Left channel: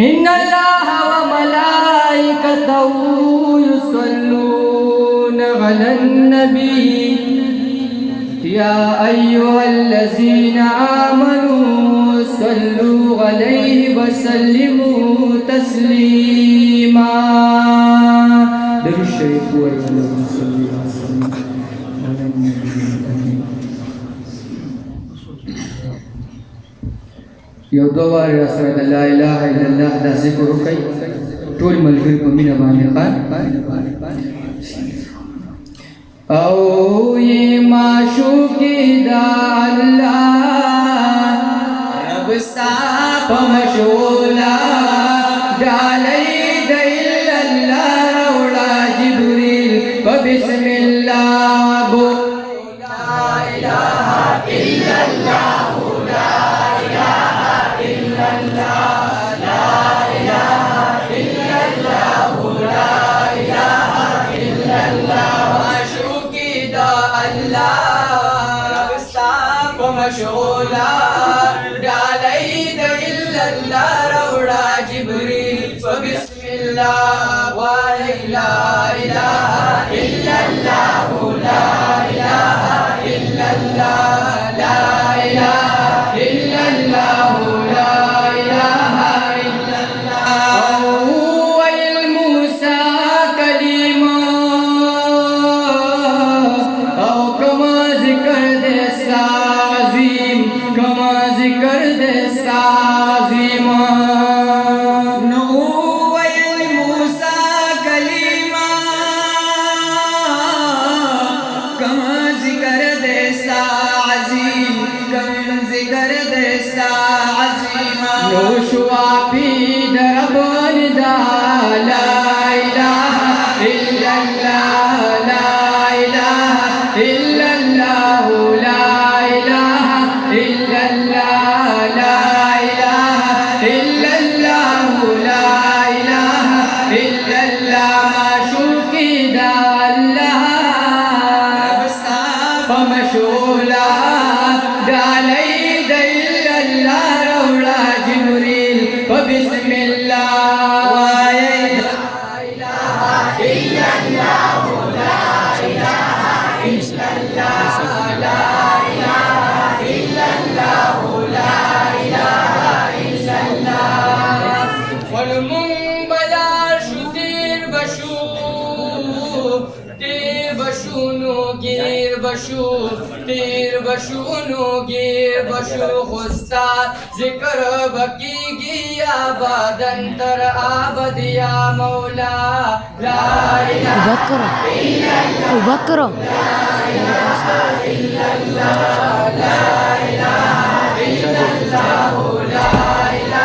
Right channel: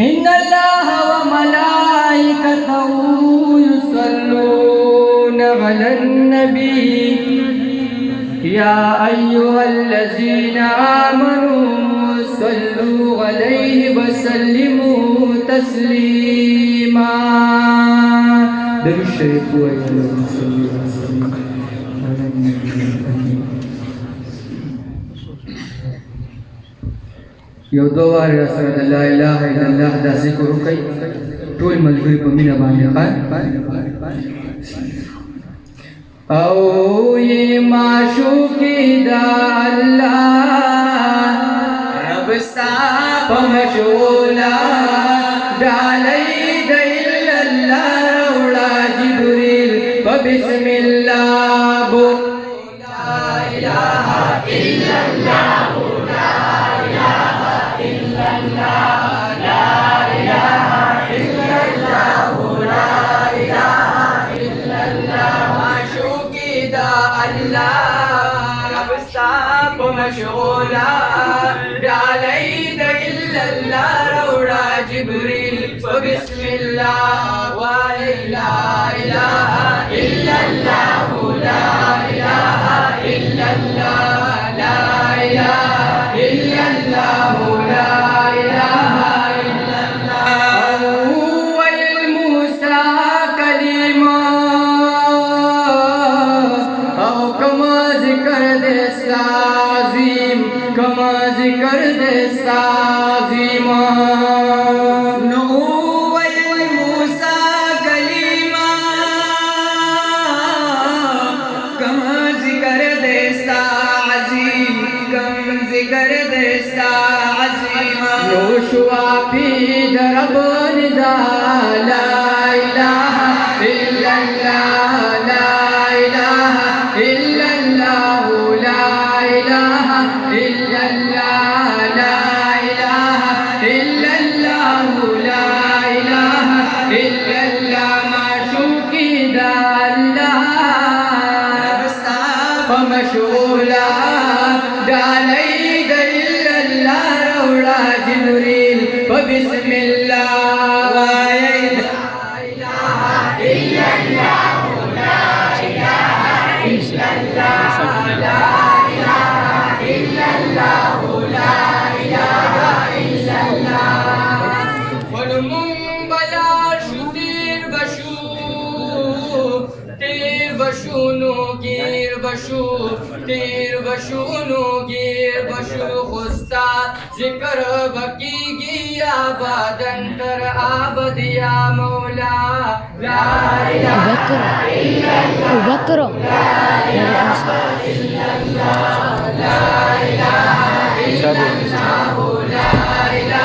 إن الله وملائكته يصلون على النبي يا أيها الذين آمنوا صلوا عليه وسلموا تسليما. بالشريف یو دو وار رسول لا اله الا الله دا ذکر وکي ټول ملګری په مینه باندې خان او یہ معشوقی دا اللہ رب سا پمشولا ڈالی دیل اللہ روڑا جبریل بسم اللہ بو لا الہ الا اللہ مشغولا ڈالی دل اللہ روڑا جبریل فبسم اللہ لا الہ الا اللہ لا الہ الا اللہ لا الہ الا اللہ لا الہ الا اللہ اویل موسیٰ کلیمہ او کما ذکر دیسا کما ذکر دیسا عظیمہ نوویل موسیٰ کلیمہ کما ذکر دیسا عظیم کم ذکر دیسا عظیمہ نوشوا پی درب ندا لا الہ الا اللہ لا الہ الا اللہ لا الہ إلا الله لا إله إلا الله لا إله إلا الله معشوقي دا الله فمشغولا دالي دا إلا الله رولا جبريل فبسم الله لا إله إلا الله لا إله إلا الله لا تیر بشونو گیر بشو خستا ذکر بکی گیا آبادن تر آبد یا مولا لا الہ الا اللہ لا الہ الا اللہ لا الہ الا اللہ لا الہ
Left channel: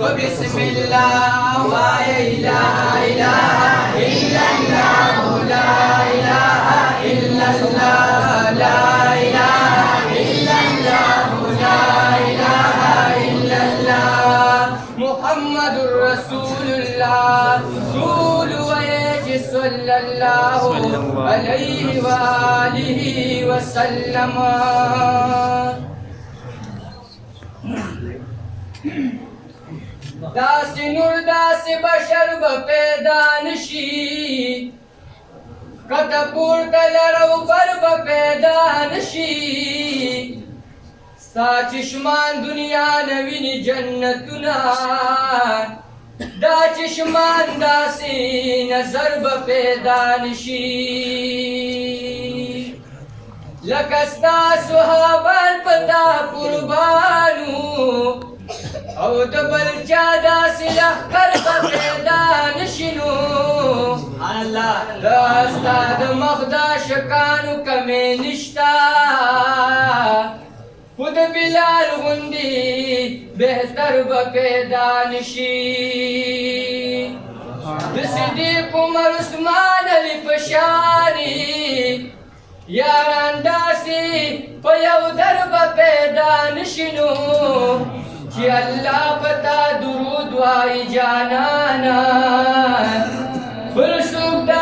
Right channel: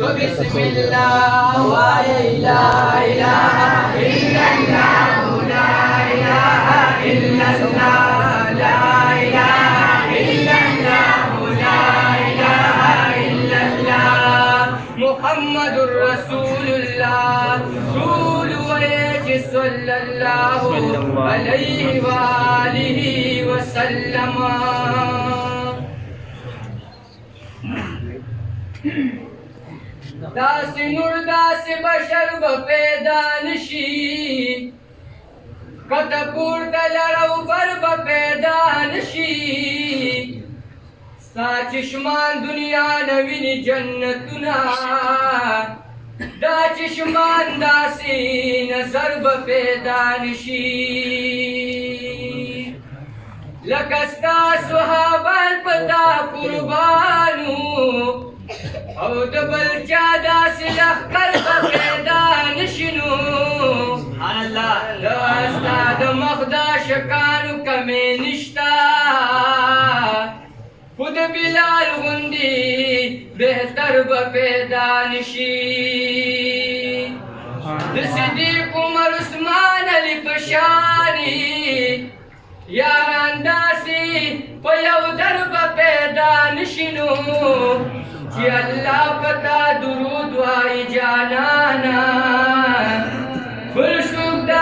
بسم اللہ لا الہ الا اللہ لا الہ الا اللہ لا الہ الا اللہ لا الہ الا اللہ محمد رسول اللہ رسول صلی اللہ علیہ وآلہ وسلم داس نور داس بشر پیدا نشی کت پورتا لرو بر پیدا نشی ستا چشمان دنیا نوینی جنتنا دا چشمان داسی نظر پیدا نشی لکستا صحابان پتا قربانو او دبل چادا سلخ کر پیدا نشنو اللہ داستا دمخدا شکانو کمی نشتا خود بلال غندی بہتر پیدا نشی صدیق عمر عثمان علی پشانی یاران داسی پیو درب پیدا نشنو کہ اللہ پتا درود وائی جانانا بل سوک دا